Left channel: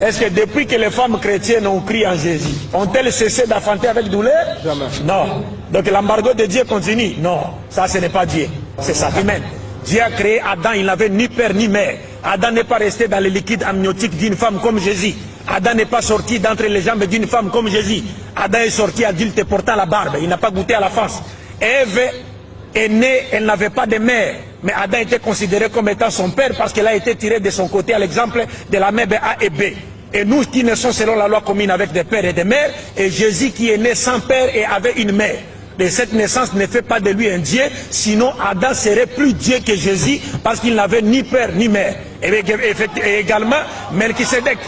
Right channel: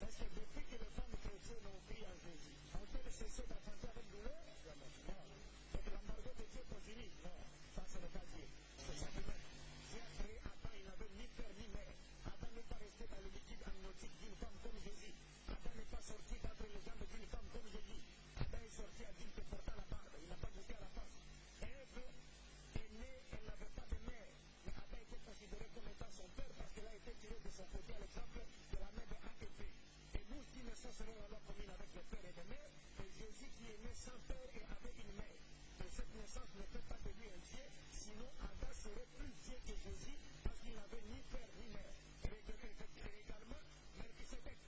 Est-ce que depuis que les femmes chrétiennes ont crié en Jésus, ont-elles cessé d'enfanter avec douleur? Jamais. Non. Donc l'embargo de Dieu continue? Non. Ça, ce n'est pas Dieu. C'est ça qui mène. Dieu a créé Adam, il n'avait ni père ni mère. Adam n'est pas resté dans les liquides amniotiques d'une femme comme Jésus. Adam n'est pas sorti d'entre les jambes d'une femme comme Jésus. Adam est sorti adulte portant la barbe. Il n'a pas goûté à la face. Ève est née, elle n'avait pas de mère. Mais Adam était considéré comme étant son père parce qu'elle a été tirée de son côté à l'exemple de la mère A et B. Et nous qui naissons selon la loi commune avec des pères et des mères, et Jésus qui est né sans père et avait une mère. Et cette naissance ne fait pas de lui un Dieu, sinon Adam serait plus Dieu que Jésus parce qu'il n'avait ni père ni mère. Et également Melchisédek.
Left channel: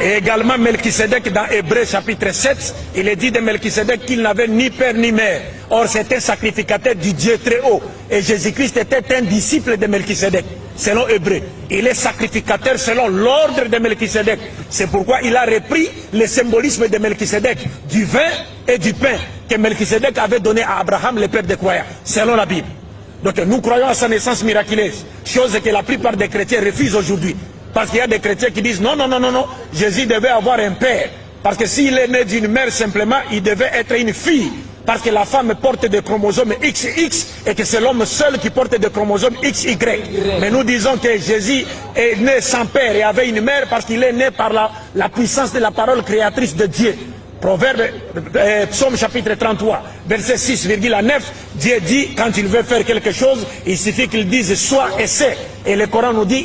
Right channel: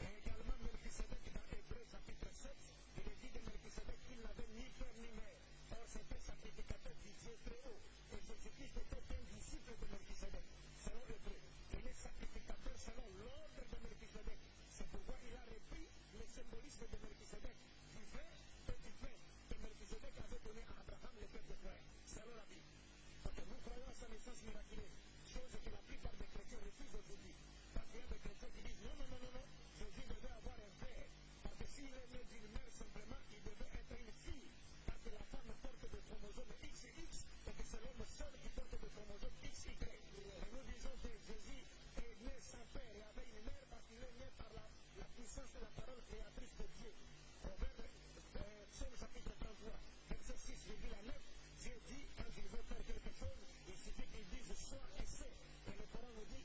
Et également Melchisédek dans Hébreux chapitre 7, il est dit de Melchisédek qu'il n'avait ni père ni mère. Or c'était sacrificateur du Dieu très haut. Et Jésus-Christ était un disciple de Melchisédek, selon Hébreux. Il est sacrificateur selon l'ordre de Melchisédek. C'est pourquoi il a repris le symbolisme de Melchisédek, du vin et du pain que Melchisédek avait donné à Abraham, le père des croyants, selon la Bible. Donc nous croyons à sa naissance miraculeuse, chose que la plupart des chrétiens refusent aujourd'hui. Parce qu'il y a des chrétiens qui disent non, non, non, non, non, Jésus devait avoir un père. Parce que s'il est né d'une mère simplement, il devait être une fille. Parce que la femme porte des chromosomes XX et que c'est l'homme seul qui porte des chromosomes XY. Mais nous disons que Jésus est né sans père et avait une mère parce qu'il est né par la puissance de la parole créatrice de Dieu. Proverbe, Psaume chapitre 33, verset 6,9, Dieu dit, quand il veut faire quelque chose, il suffit qu'il dise soit et c'est. Et le Coran nous dit,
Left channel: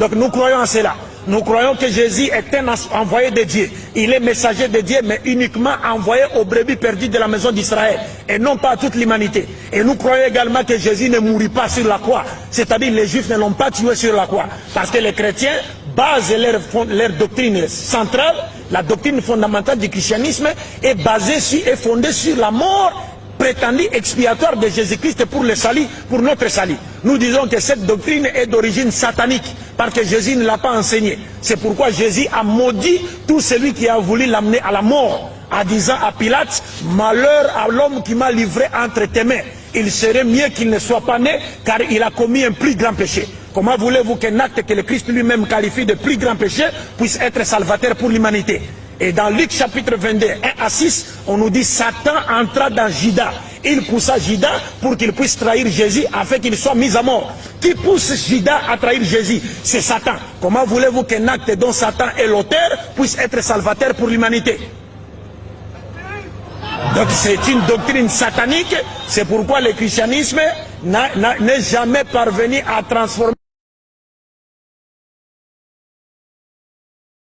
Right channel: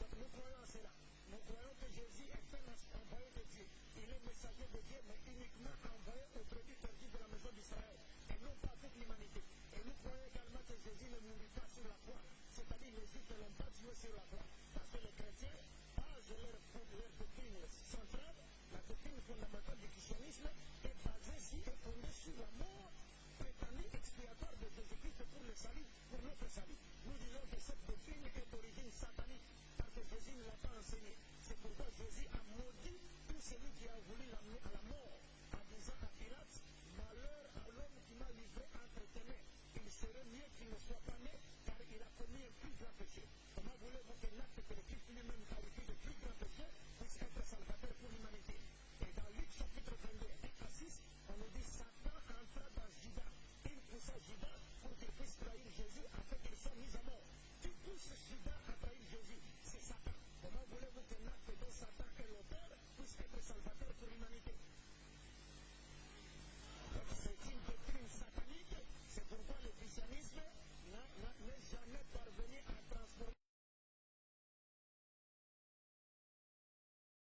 donc nous croyons en cela. Nous croyons que Jésus est un envoyé de Dieu. Il est messager de Dieu, mais uniquement envoyé aux brebis perdues de la maison d'Israël, et non pas à toute l'humanité. Et nous croyons également que Jésus ne mourit pas sur la croix. C'est-à-dire les Juifs ne l'ont pas tué sur la croix. Parce que les chrétiens basent leur doctrine centrale, la doctrine fondamentale du christianisme, est basée sur, est fondée sur la mort prétendue expiatoire de Jésus-Christ pour le salut, pour notre salut. Nous disons que cette doctrine est d'origine satanique, parce que Jésus ne l'a pas enseignée. C'est pourquoi Jésus a maudit tout celui qui a voulu l'amener à la mort, en disant à Pilate, malheur à l'homme qui m'a livré entre tes mains. Il serait mieux qu'il ne soit pas né, car il a commis un plus grand péché. Comment voulez-vous qu'un acte que le Christ lui-même qualifie de plus grand péché puisse être salvateur pour l'humanité? Et dans Luc chapitre 22, 1 à 6, on nous dit Satan entra dans Judas. Il poussa Judas pour qu'il puisse trahir Jésus afin qu'il soit mis à mort. Qui pousse Judas à trahir Jésus? C'est Satan. Comment voulez-vous qu'un acte dont Satan est l'auteur puisse être salvateur pour l'humanité? Donc c'est une doctrine satanique. C'est pourquoi le christianisme n'est jamais parvenu à transformer